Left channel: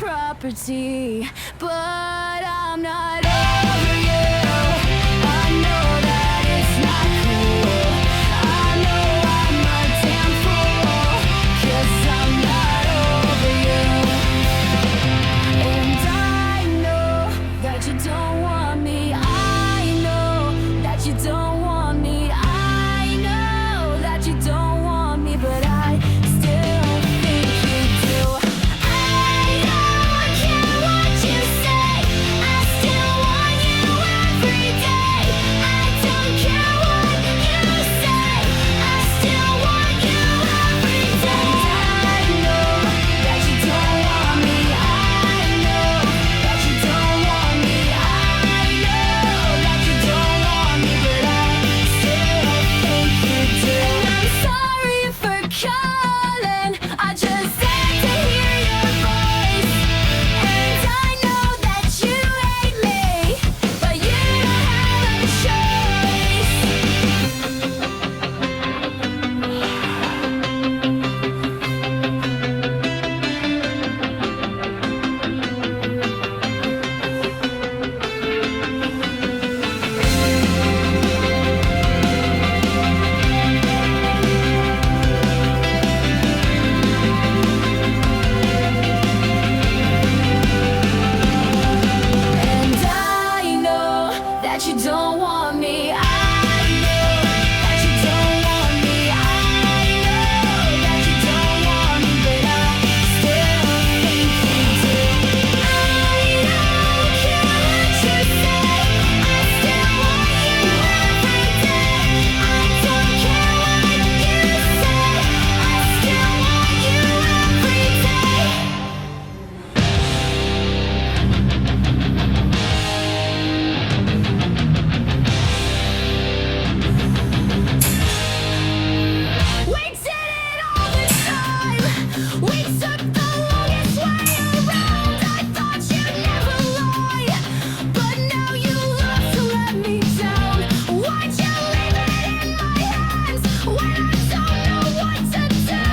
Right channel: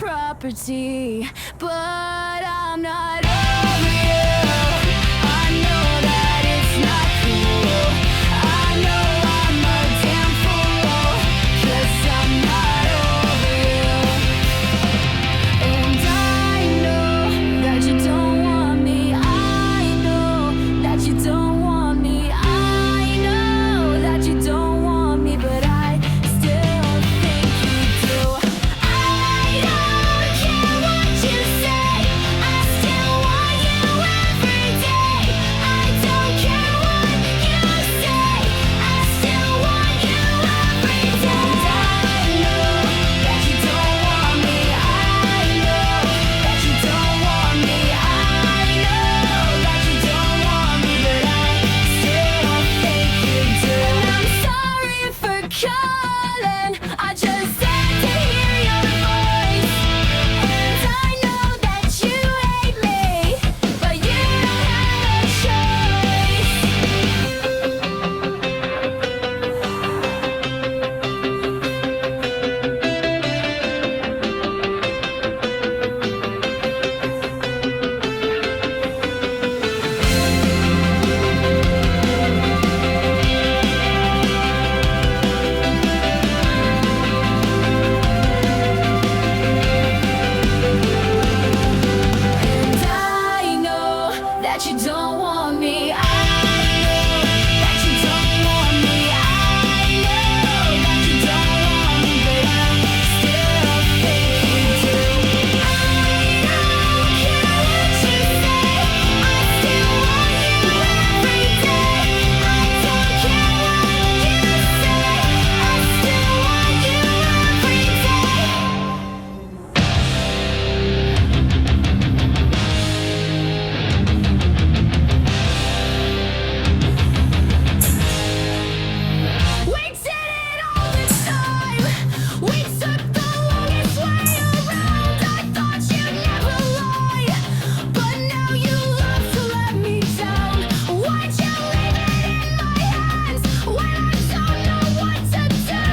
property, but I'm not over you. I know that it's not cool. I know I'm a damn fool, 'cause I'm not over you. And I know that you don't want me. I know that you don't want me. I know that you don't want me, but I still think you do. I don't care what you say, I still want you every day. I don't care what you say, I still want you every day. And I know that you don't want me. I know that you don't want me. I know that you don't want me, but I still think you do. And I'm sorry for calling, I just had to hear your voice. And I know that you hate me, but you don't have a choice. And I know that you don't want me. I know that you don't want me. I know that you don't want me, but I still think you do. I don't care what you say, I still want you every day. I don't care what you say, I still want you every day. We did it all the time. We took the longest way around. I thought you'd never lie, but now you love to let me down. Why'd you leave it in my hands when I don't know what to do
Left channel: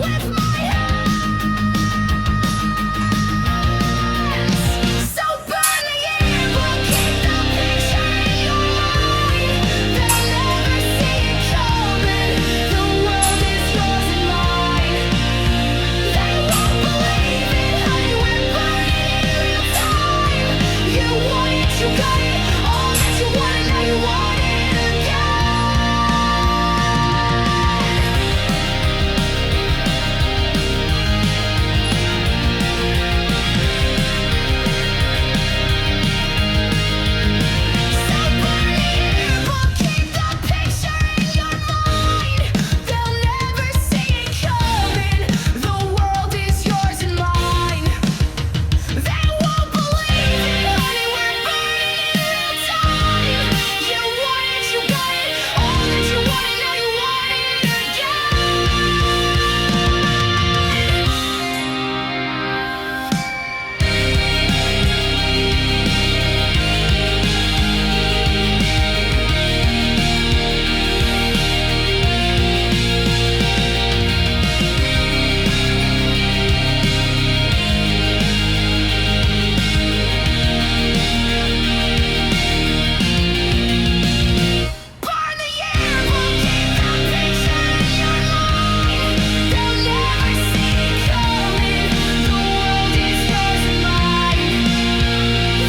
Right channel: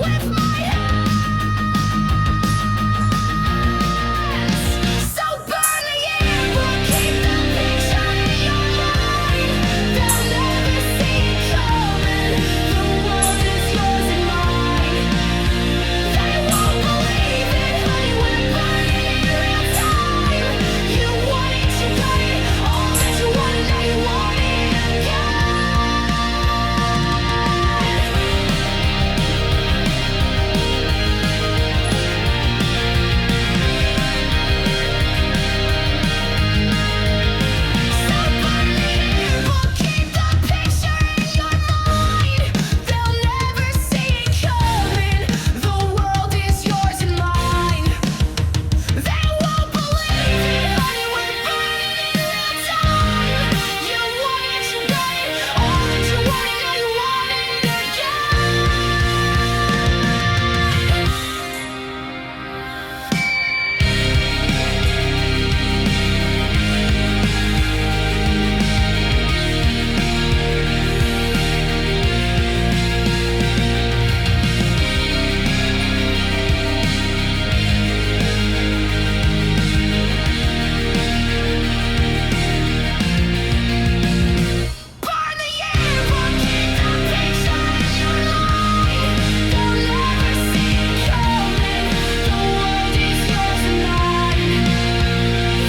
with my hands? So burn the yearbook, keep the picture in your mind. They'll never see it coming. The world is yours and mine. They won't believe it, honey, we're burning in real time. You want it, you got it, all that you wanted, now you want it again. So burn the yearbook, keep the picture in your mind. They'll never see it coming. The world is yours and mine. They won't believe it, honey, we're burning in real time. You want it, you got it, all that you wanted, now you want it Burn the yearbook, keep the picture in your mind. They'll never see it coming. The world is yours and mine.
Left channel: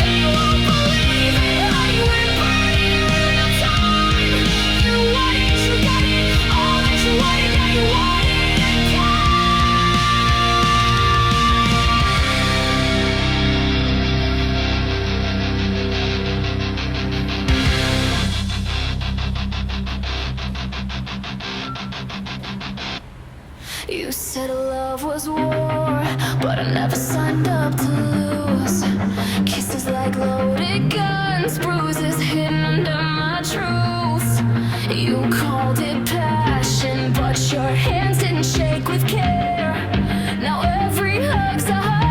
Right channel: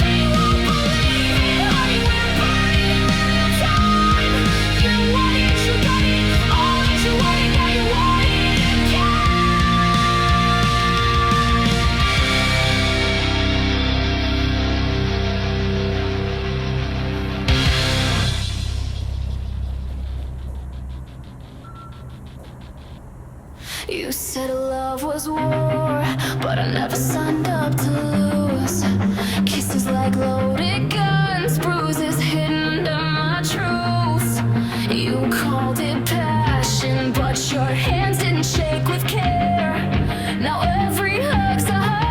They won't believe it, honey, we're burning in real time. You want it, you got it, all that you wanted, now you want it again. You said love was war, but I never signed up to lose. Kisses like loaded guns, bruises hidden under my truths. You called it passion, but your hands didn't shake with care. Now every hug's a hug.